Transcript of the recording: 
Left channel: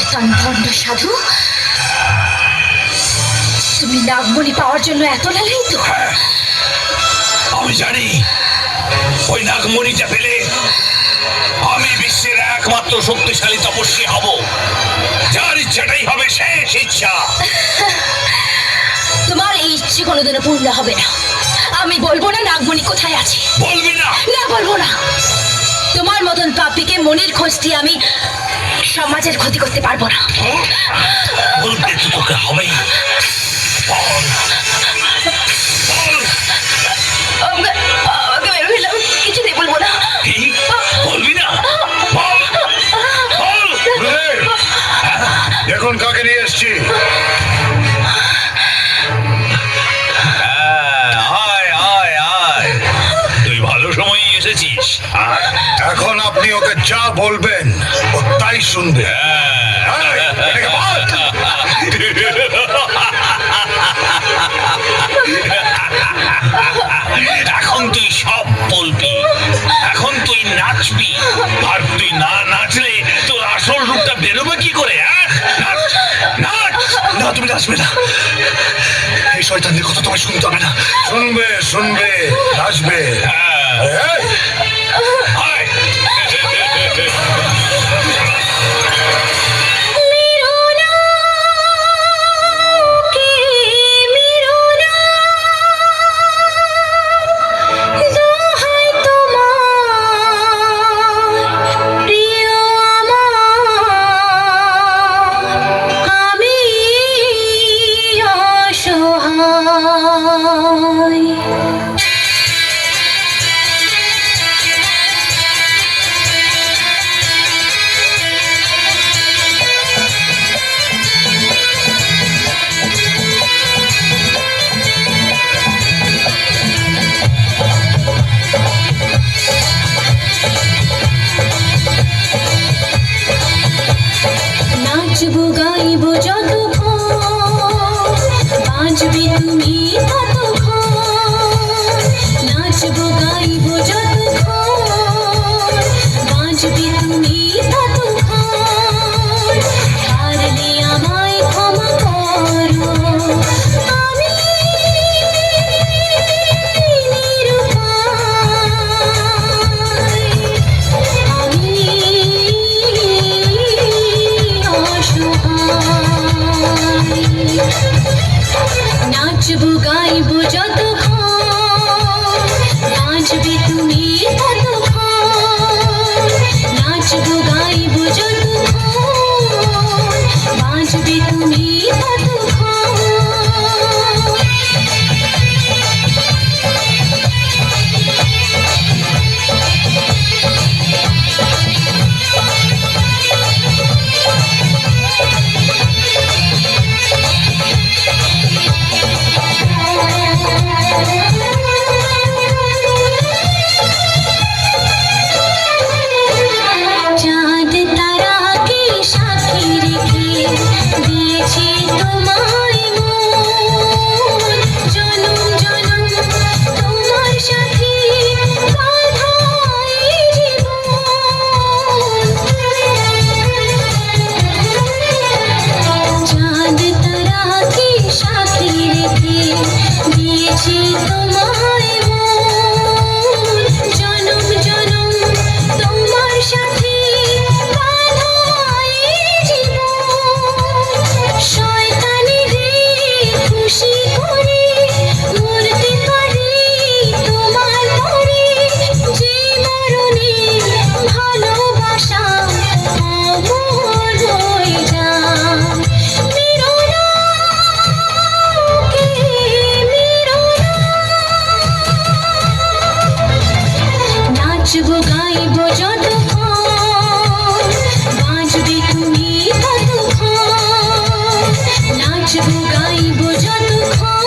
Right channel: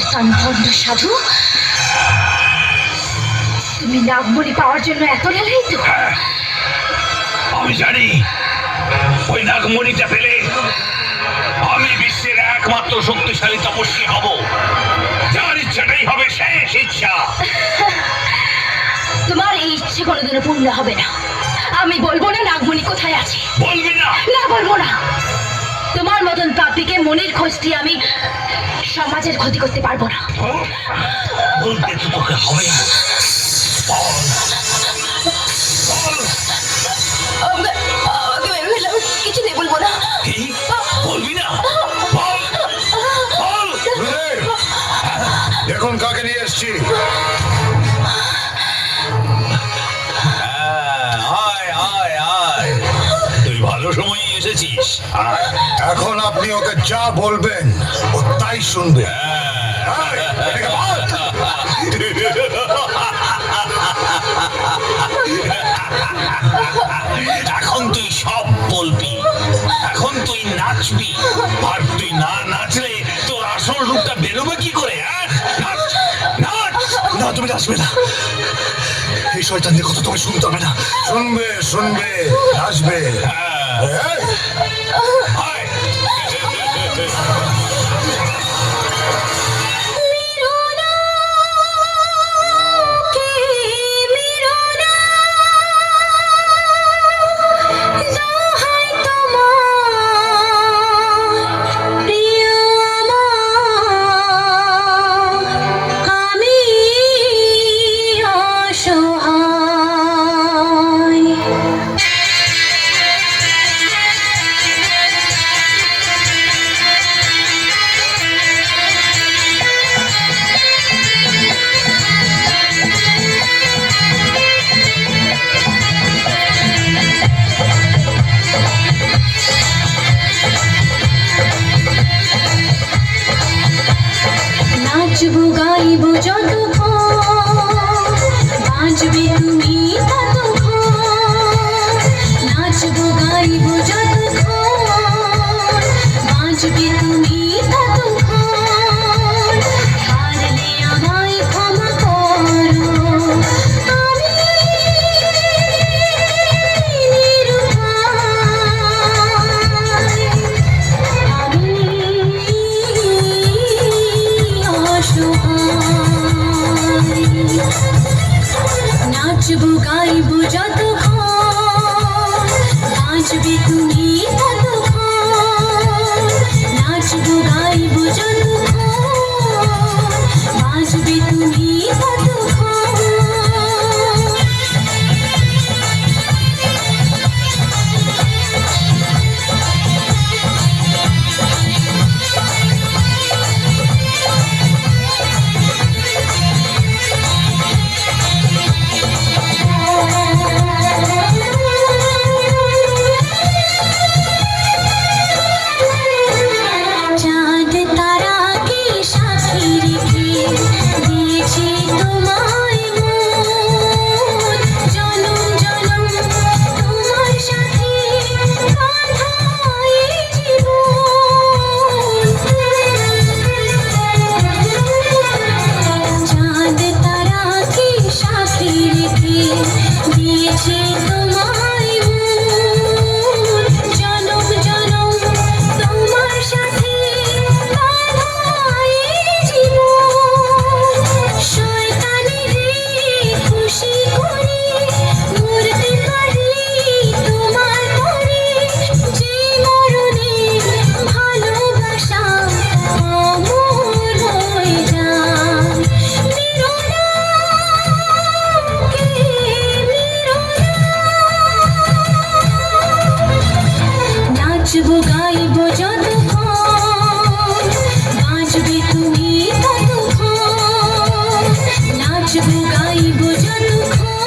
শয়তান ভণ্ড সাধু। তুমি নাগমণি পাওয়ার জন্য এত লালাই তো আমি জানি। ওই নাগমণিটা পেলে আমি বিশ্বের একমাত্র শক্তিশালী তপস্বী হব। যার ইচ্ছাটাই হবে শেষ ইচ্ছা। তোমার এই ইচ্ছে কোনোদিনও পূর্ণ হবে না। আমি বলব না নাগমণি কোথায় আছে। বলবি না। না বলব না। তোমার মতন পাপিকে মনের খোঁজ দিয়ে আমি সমাজের ক্ষতি করতে পারব না। বলতে তো তোকে হবেই। বল। বল আমাকে আমাকে বের হলাম কিছুতেই বলব না। বলবি না? বল। বল। দেখুন কাকে নিয়ে এসছি। হ্যাঁ, আয় আয় আয় তুই ভালো সময় এসেছিস। এখন আপনি ওকে যা বলবেন শুনবে এই, বাদ। এখন তুই সব বলবি এখন তুই নাচবি। আর তুই না নাচলে তোর আসল রূপটা বেরোবে কি করে হ্যাঁ? না তুমি আসবে না। এই শয়তানদের কথা তোমায় শুনতে হবে না। শুনবে শুনবে আসবে এই, নাচবো গাইবো যত নাচবে বোঝা দুঃখ